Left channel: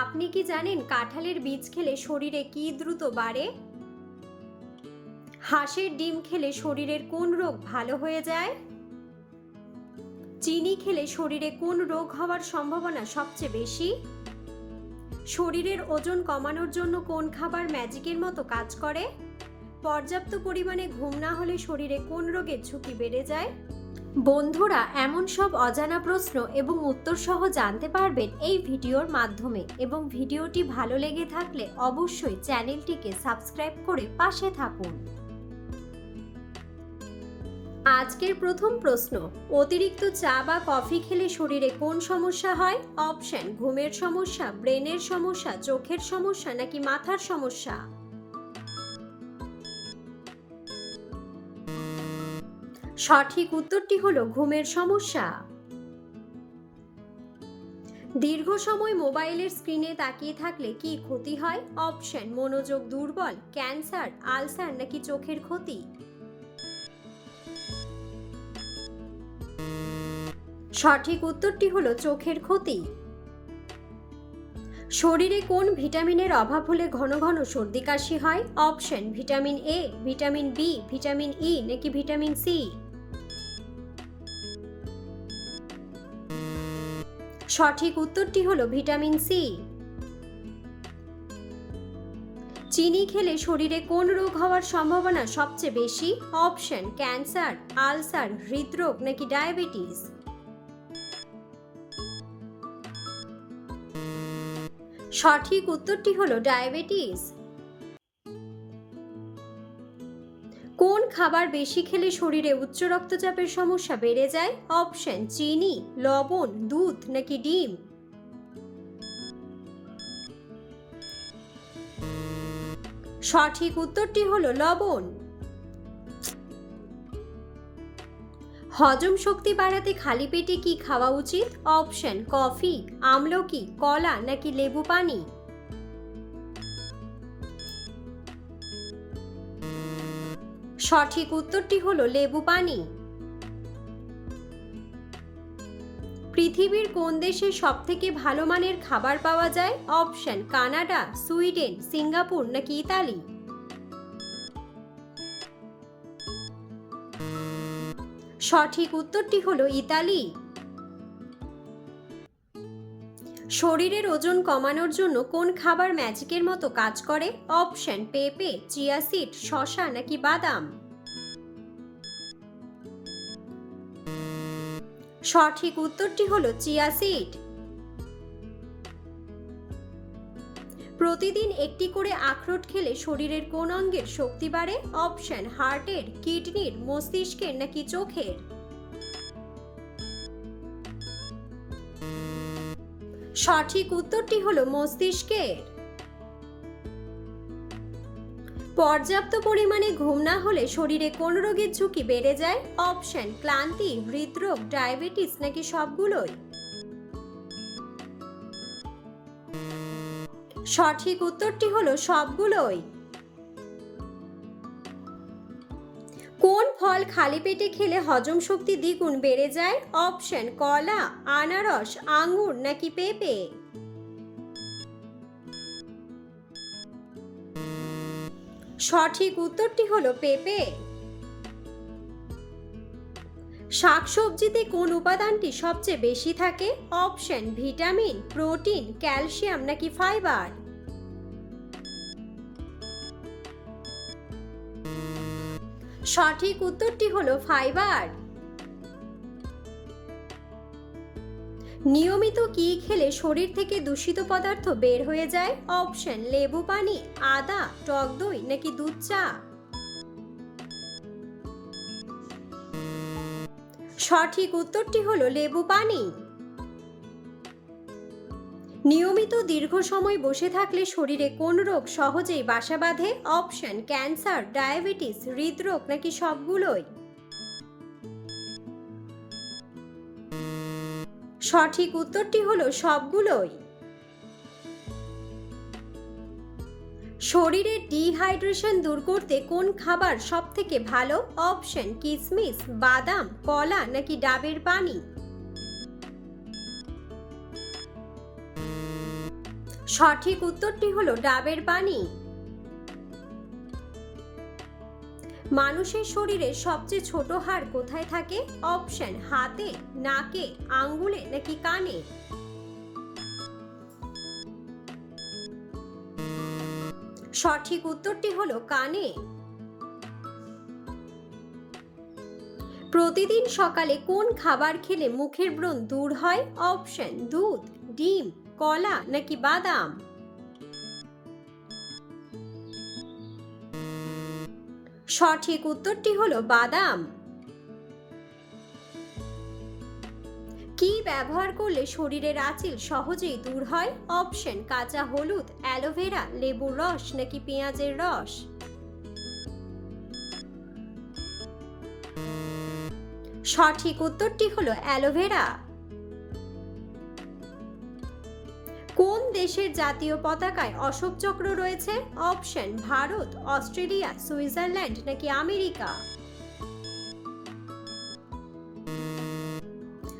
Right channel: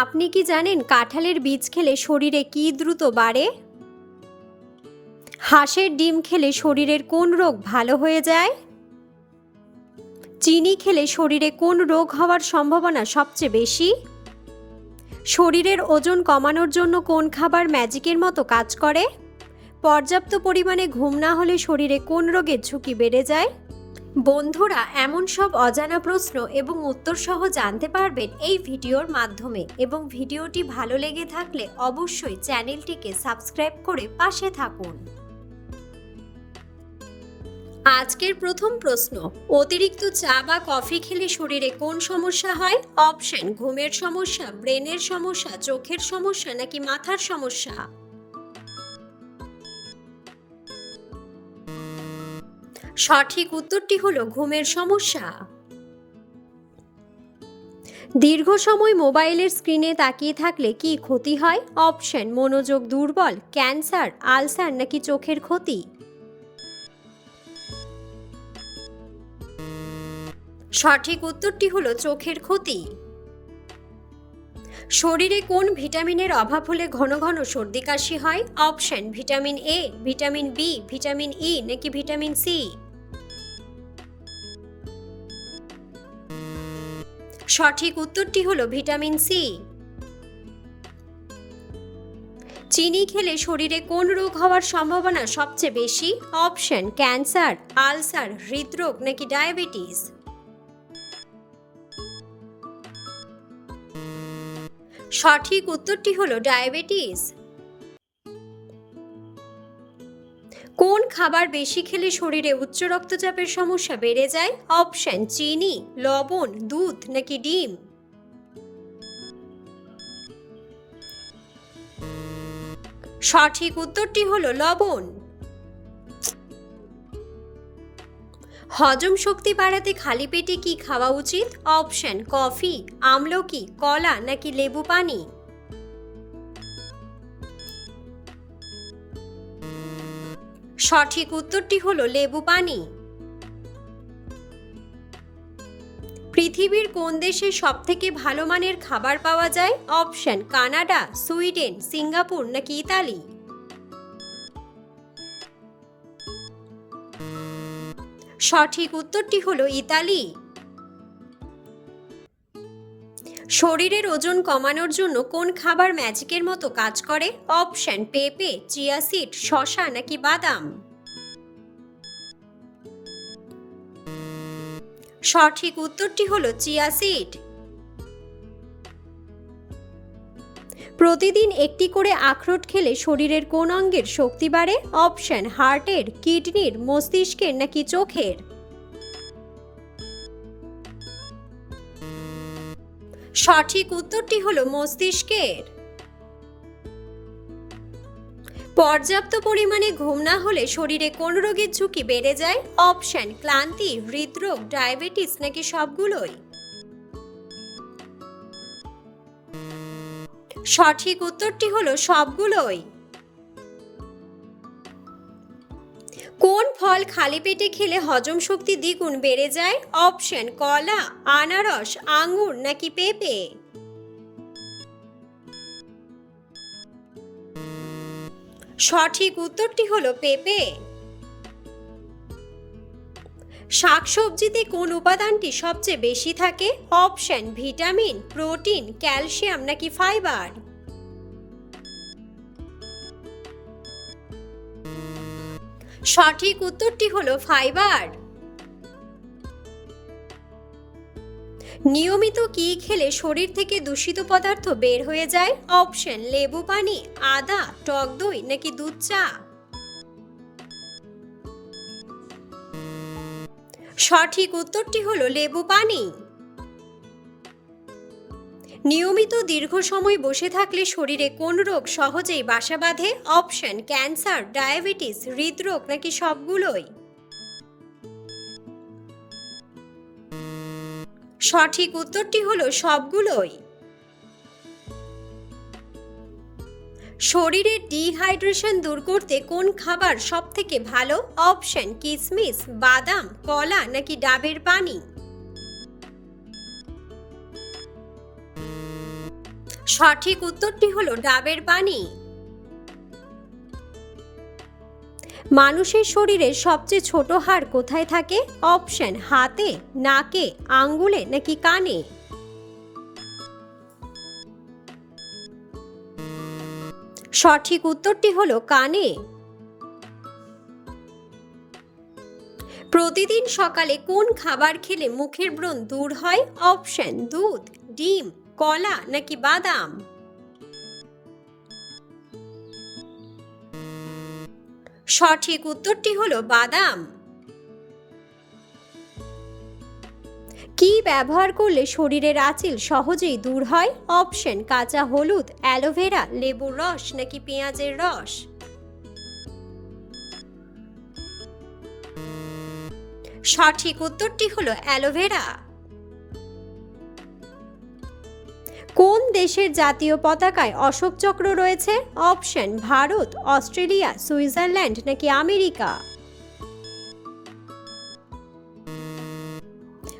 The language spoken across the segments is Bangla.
আপনি কি জানেন কাঁঠালের বীজ খেলে শরীরে কি দ্রুত বাড়ে? হাঁসের ডিম খেলে শরীরের কোন রোগ ভালো হয়ে যায়? চিনি খেলে শরীরে কোন রোগ হওয়ার সম্ভাবনা সবচেয়ে বেশি? শরীরের ওজন কমানোর জন্য কোন খাবার ম্যাজিকের মতো কাজ করে? পর্যাপ্ত পরিমাণে ঘুম না হলে শরীরে কোন রোগের ঝুঁকি বেড়ে যায়? বন্ধুরা, এমন সব অজানা প্রশ্ন এবং উত্তর সহ জানতে পারবেন এই ভিডিওর মাধ্যমে, এবং ভিডিওটি ভালো লেগে থাকলে অবশ্যই চ্যানেলটিকে সাবস্ক্রাইব করে পাশে থাকুন। আজকের প্রথম প্রশ্ন, অতিরিক্ত চা বা কফি খেলে শরীরে কোন সমস্যা হয়? অপশন: ঘুমের সমস্যা, ব্রেনের সমস্যা, চোখের সমস্যা নাকি মাথার সমস্যা? সঠিক উত্তরটি হলো ঘুমের সমস্যা। দীর্ঘ সময় মোবাইলের স্ক্রিনে তাকিয়ে থাকলে কি ক্ষতি হয়? অপশন: মনোযোগ দুর্বল, ক্যান্সার, আলসার নাকি চোখের ক্ষতি? সঠিক উত্তরটি হলো চোখের ক্ষতি। শরীরে কোন ভিটামিনের অভাব হলে ঘন ঘন সর্দি কাশি হয়? Option: vitamin A, vitamin B, vitamin E নাকি ভিটামিন সি? সঠিক উত্তরটি হলো ভিটামিন সি। চিনি খেলে শরীরে কোন রোগ হওয়ার সম্ভাবনা সবচেয়ে বেশি? অপশন: ক্যান্সার, আলসার, হৃদরোগ নাকি ডায়াবেটিস? সঠিক উত্তরটি হলো ডায়াবেটিস। কোন খাবার বেশি খেলে শরীরে উচ্চ রক্তচাপের সমস্যা বেড়ে যায়? অপশন: চিনি, লবণ, দুধ নাকি ডিম? সঠিক উত্তরটি হলো লবণ। হজম শক্তি বাড়াতে খালি পেটে কি খাওয়া উচিত? অপশন: কফি, আমলকি, কলা নাকি লেবু পানি? সঠিক উত্তরটি হলো লেবু পানি। পৃথিবীর কোন দেশে সবথেকে ভালো মানের খাবার পাওয়া যায়? অপশন: কানাডা, সুইডেন, সিঙ্গাপুর নাকি ইতালি? সঠিক উত্তরটি হলো ইতালি। শরীরের ওজন কমানোর জন্য কোন খাবার ম্যাজিকের মতো কাজ করে? অপশন: পেঁপে, চিয়া সিড, শসা নাকি বাদাম? সঠিক উত্তরটি হলো চিয়া সিড। প্রতিদিন একটি করে আখরোট খেলে শরীরের কোন অঙ্গের শক্তি বাড়ে? অপশন: হার্টের, কিডনির, মস্তিষ্কের নাকি চোখের? সঠিক উত্তরটি হলো মস্তিষ্কের। পর্যাপ্ত পরিমাণে ঘুম না হলে শরীরে কোন রোগের ঝুঁকি বেড়ে যায়? অপশন: ক্লান্তি, হৃদরোগ, ডায়াবেটিস নাকি সবগুলোই? সঠিক উত্তরটি হলো সবগুলোই। কোন ফল খালি পেটে খেলে হজম শক্তি দ্বিগুণ বেড়ে যায়? অপশন: কলা, আনারস, আঙ্গুর নাকি পেঁপে? সঠিক উত্তরটি হলো পেঁপে। শাকসবজিতে কোন উপাদানটি সবচেয়ে বেশি থাকে? অপশন: ভিটামিন, প্রোটিন, ক্যালসিয়াম নাকি ফাইবার? সঠিক উত্তরটি হলো ফাইবার। নিয়মিত কি খেলে শরীর থেকে দূষিত পদার্থ বের হয়ে যায়? অপশন: লেবু পানি, আদা, টক দই নাকি দুধ চা? সঠিক উত্তরটি হলো লেবু পানি। নিয়মিত দীর্ঘ সময় বসে থাকলে শরীরে কোন রোগ সহজেই বাসা বাঁধে? অপশন: ক্যান্সার, ডায়াবেটিস, হৃদরোগ নাকি সবগুলোই? সঠিক উত্তরটি হলো সবগুলোই। শরীরের ডিহাইড্রেশন দূর করতে কোন খাবার সবথেকে ভালো? অপশন: কিশমিশ, বাদাম, কলা নাকি ডাবের পানি? সঠিক উত্তরটি হলো ডাবের পানি। মানুষের শরীরের সবচেয়ে ছোট হাড় কোথায় থাকে? অপশন হাতে, নাকে, আঙ্গুলে নাকি কানে। সঠিক উত্তরটি হলো কানে। প্রতিদিন সকালে কোন খাবার খেলে মুখের ব্রণ দূর হয়? অপশন দুধ, ডিম, কলা নাকি বাদাম। সঠিক উত্তরটি হলো বাদাম। কি ব্যবহার করলে শরীরের আঁচিল সহজেই দূর হয়? অপশন কাঁচা হলুদ, অ্যালোভেরা, লেবুর রস নাকি পেঁয়াজের রস। সঠিক উত্তরটি হলো অ্যালোভেরা। কোন দেশের জাতীয় পতাকায় অশোক চক্র রয়েছে? অপশন ভারত, অস্ট্রেলিয়া, সুইজারল্যান্ড নাকি আমেরিকা।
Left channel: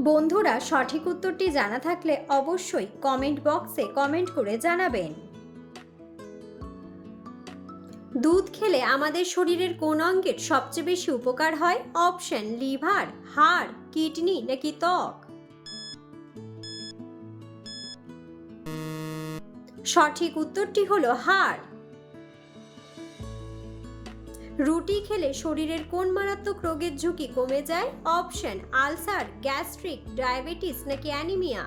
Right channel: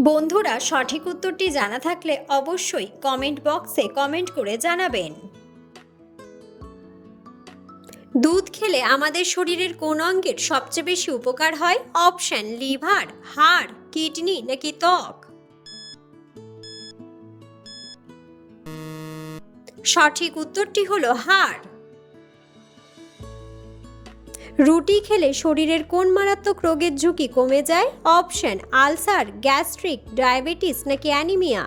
বন্ধুরা, সঠিক উত্তরটি জানা থাকলে অবশ্যই কমেন্ট বক্সে কমেন্ট করে জানাবেন। দুধ খেলে আমাদের শরীরের কোন অঙ্গের সবচেয়ে বেশি উপকার হয়? অপশন লিভার, হাড়, কিডনি নাকি ত্বক। সঠিক উত্তরটি হলো হাড়। রুটি খেলে শরীরের কোন মারাত্মক রোগের ঝুঁকি কমে যায়? অপশন আলসার, গ্যাস্ট্রিক, ডায়াবেটিস নাকি অ্যানিমিয়া।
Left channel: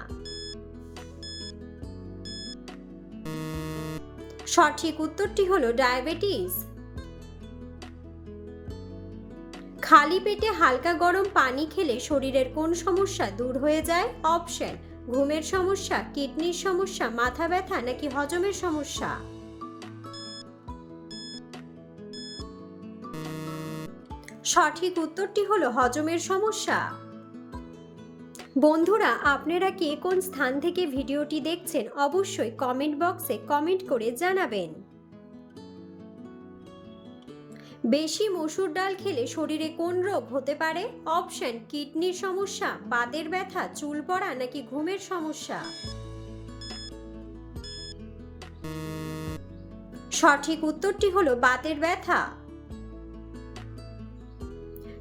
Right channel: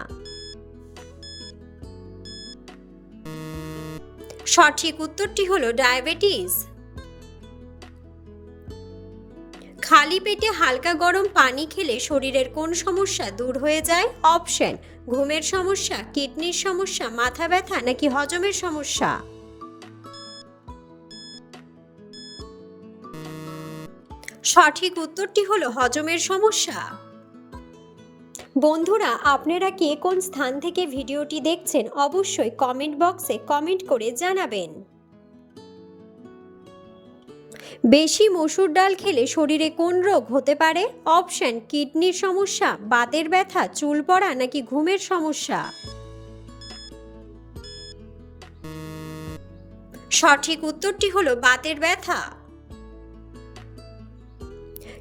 সঠিক উত্তরটি হলো ডায়াবেটিস। খালি পেটে হালকা গরম পানি খেলে শরীরের কোন সমস্যা দূর হয়ে যায়? অপশন ঘুমের সমস্যা, কিডনির সমস্যা, মাথা ব্যথা নাকি হজমের সমস্যা। সঠিক উত্তরটি হলো হজমের সমস্যা। বন্ধুরা, আপনারা কে কোন স্থান থেকে ভিডিওটি দেখছেন অবশ্যই কমেন্ট বক্সে কমেন্ট করে জানাবেন। বেশি মসুর ডাল খেলে শরীরে কোন রোগ হতে পারে? অপশন কিডনির সমস্যা, বাতের ব্যথা, চুল পড়া নাকি ঘুমের সমস্যা। সঠিক উত্তরটি হলো বাতের ব্যথা।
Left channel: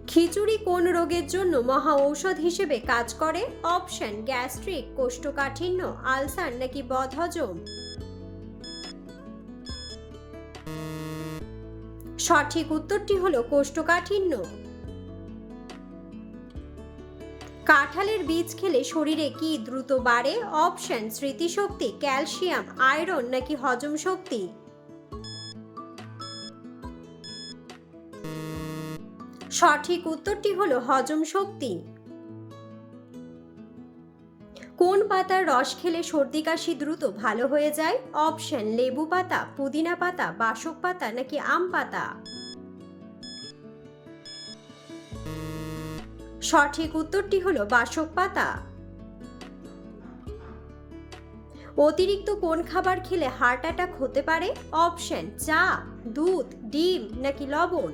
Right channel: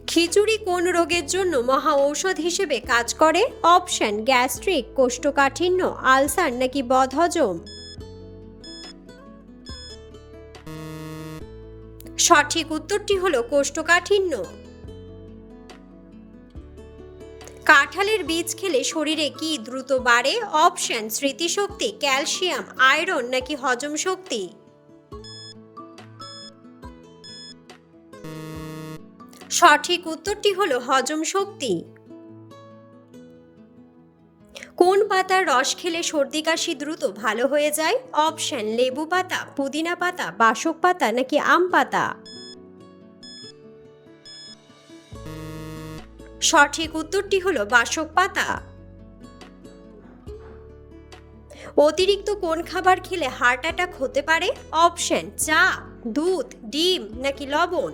খিচুড়ি কোন রোগের জন্য মহা ঔষধ হিসেবে কাজ করে? অপশন গ্যাস্ট্রিক, কোষ্ঠকাঠিন্য, আলসার নাকি বদহজম। সঠিক উত্তরটি হলো কোষ্ঠকাঠিন্য। কাঁঠালের বীজ খেলে শরীরে কি দ্রুত বাড়ে? অপশন স্মৃতিশক্তি, ক্যালসিয়াম, আয়রন নাকি হজম শক্তি। সঠিক উত্তরটি হলো হজম শক্তি। কোন পাতার রস খেলে সর্দি কাশি দ্রুত ভালো হয়ে যায়? অপশন লেবু পাতা, পুদিনা পাতা, বাসক পাতা নাকি আম পাতা। সঠিক উত্তরটি হলো বাসক পাতা। অতিরিক্ত কোন খাবার খেলে হার্ট অ্যাটাক হতে পারে? অপশন চা, দুধ, ডিম নাকি লবণ।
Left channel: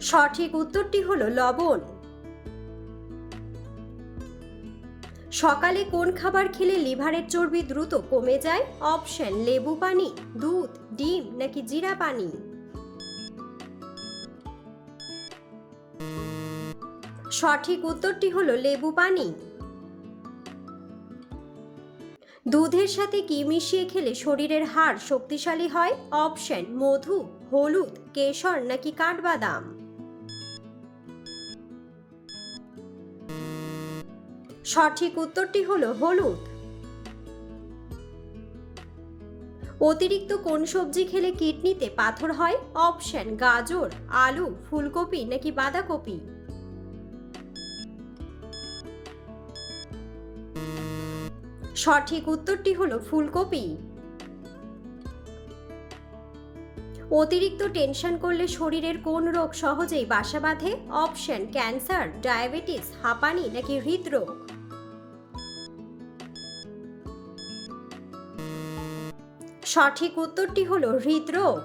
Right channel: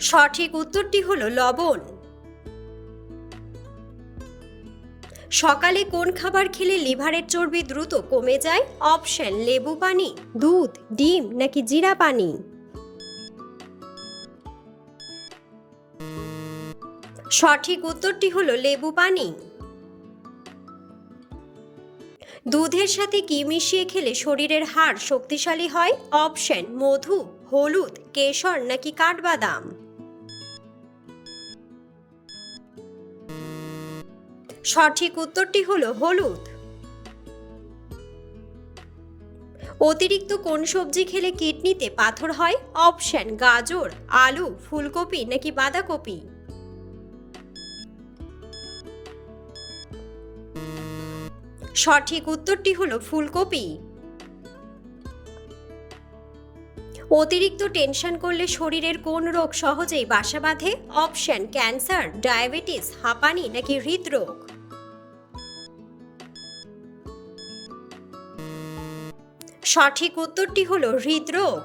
সঠিক উত্তরটি হলো লবণ। সকালে কোন খাবার খেলে লিভারের চর্বি দ্রুত কমে যায়? অপশন লেবু পানি, দুধ, ডিম নাকি জিরা পানি। সঠিক উত্তরটি হলো লেবু পানি। দুধের সাথে কি মিশিয়ে খেলে শরীরের হাড় শক্তিশালী হয়? অপশন মধু, হলুদ, কেশর নাকি কাঠবাদাম। সঠিক উত্তরটি হলো হলুদ। অতিরিক্ত কোন সবজি খেলে কিডনিতে পাথর হয়? অপশন গাজর, আলু, ফুলকপি নাকি বাঁধাকপি। সঠিক উত্তরটি হলো ফুলকপি। অতিরিক্ত টেনশন করলে শরীরের কোন রোগ সহজেই বাসা বাঁধে? অপশন ক্যান্সার, ডায়াবেটিস, হাঁপানি নাকি হৃদরোগ। সঠিক উত্তরটি হলো হৃদরোগ।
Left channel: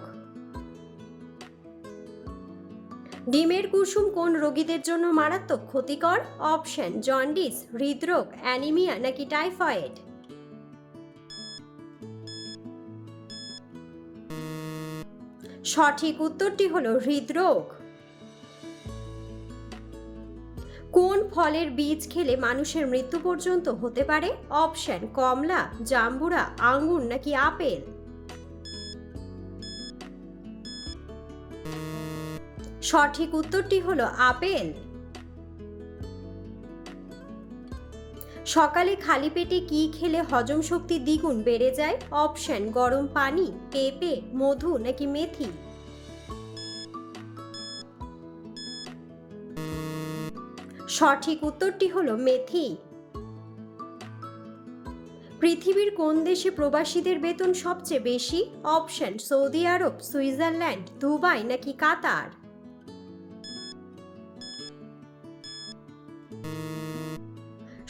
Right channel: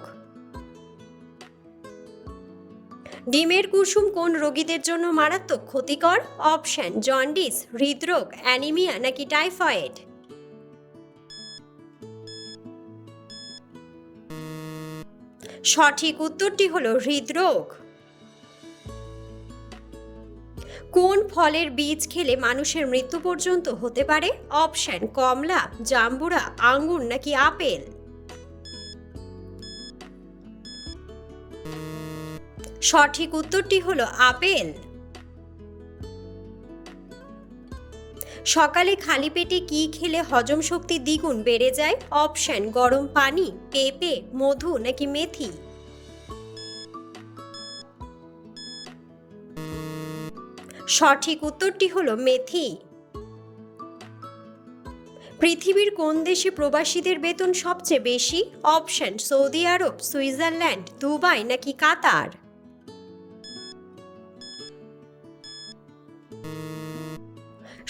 ডিমের কুসুম কোন রোগীদের জন্য মারাত্মক ক্ষতিকর? অপশন জন্ডিস, হৃদরোগ, অ্যানিমিয়া নাকি টাইফয়েড। সঠিক উত্তরটি হলো হৃদরোগ। কোন ফলের বীজ খেলে মানুষের মৃত্যু পর্যন্ত হতে পারে? অপশন কমলা, জাম্বুরা, আঙ্গুর নাকি আপেল। সঠিক উত্তরটি হলো আপেল। সকালে খালি পেটে কি খেলে হজম শক্তি দ্বিগুণ বেড়ে যায়? অপশন গরম পানি, পেঁপে, মধু নাকি মেথি। সঠিক উত্তরটি হলো মেথি। পৃথিবীর কোন দেশে প্রবাসীদের বেতন সবচেয়ে বেশি? অপশন সৌদি আরব, সুইজারল্যান্ড, দুবাই নাকি কাতার।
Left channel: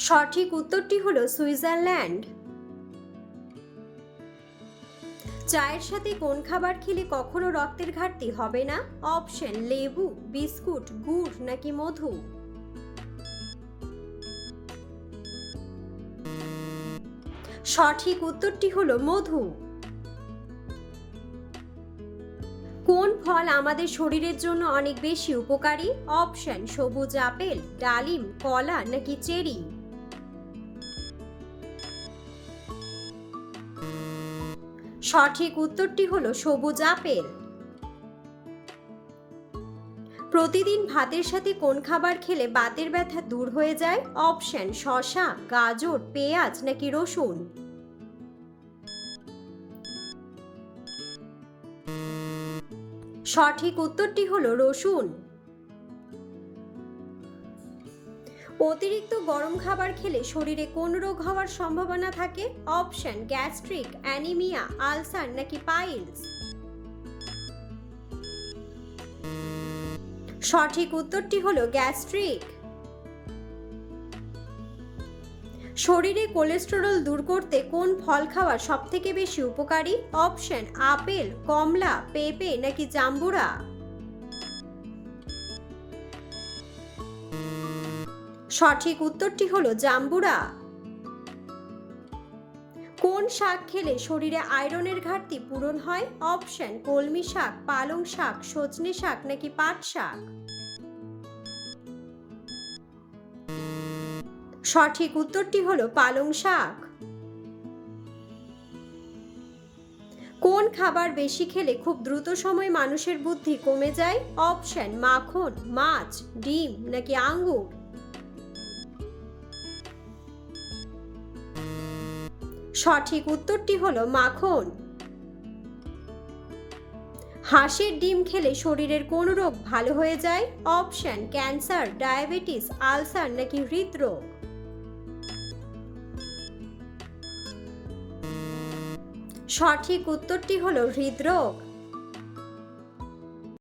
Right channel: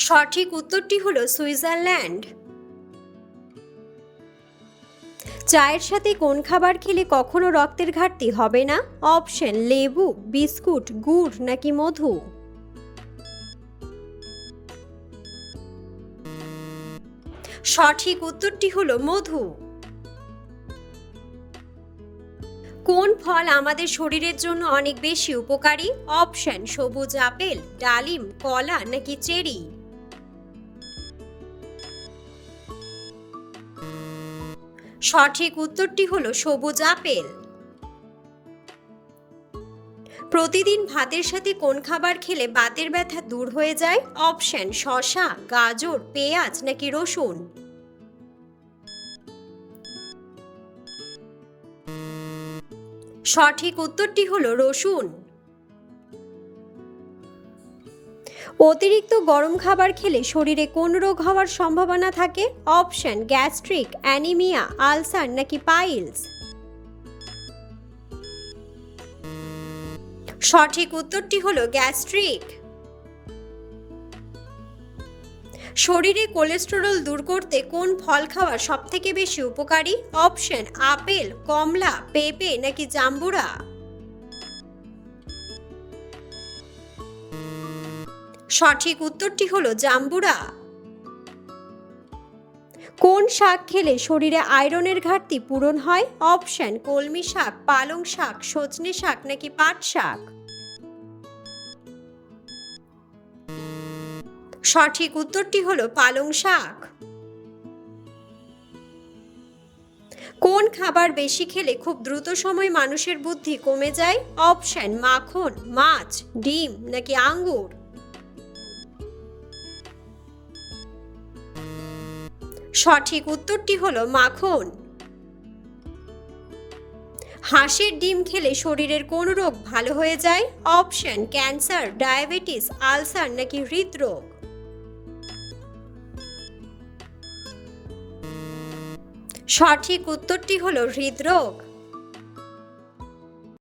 সঠিক উত্তরটি হলো সুইজারল্যান্ড। চায়ের সাথে কোন খাবার খেলে কখনো রক্তের ঘাটতি হবে না? অপশন লেবু, বিস্কুট, গুড় নাকি মধু। সঠিক উত্তরটি হলো মধু। কোন ফল আমাদের শরীরের জন্য অনেক বেশি উপকারী? অপশন সবুজ আপেল, ডালিম, কলা নাকি চেরি। সঠিক উত্তরটি হলো সবুজ আপেল। প্রতিদিন ভাতের সাথে কোন খাবার খেলে বাতের ব্যথা দূর হয়ে যায়? অপশন শসা, গাজর, পেঁয়াজ নাকি রসুন। সঠিক উত্তরটি হলো রসুন। অতিরিক্ত গরম খাবার খেলে শরীরে কোন রোগ হওয়ার সম্ভাবনা থাকে? অপশন গ্যাস্ট্রিক, অ্যানিমিয়া, আলসার নাকি পাইলস। সঠিক উত্তরটি হলো গ্যাস্ট্রিক। শরীরে কোলেস্টেরল দূর করতে কোন ফল খাওয়া সবথেকে বেশি উপকারী? অপশন আপেল, কমলা, পেঁপে নাকি জাম্বুরা। সঠিক উত্তরটি হলো জাম্বুরা। কোন শাক খেলে শরীরে আয়রনের ঘাটতি পূরণ হয়? অপশন কলমি শাক, পালং শাক, সজনে শাক নাকি পাট শাক। সঠিক উত্তরটি হলো পালং শাক। কোন খাবার বেশি খেলে খুব দ্রুত সময় মানুষের বুদ্ধি কমে যায়? অপশন মাখন, মাছ, ডিম নাকি আঙ্গুর। সঠিক উত্তরটি হলো মাখন। হাঁসের ডিম খেলে শরীরের কোন রোগ ভালো হয়ে যায়? অপশন ক্যান্সার, ডায়াবেটিস, আলসার নাকি হৃদরোগ। সঠিক উত্তরটি হলো হৃদরোগ।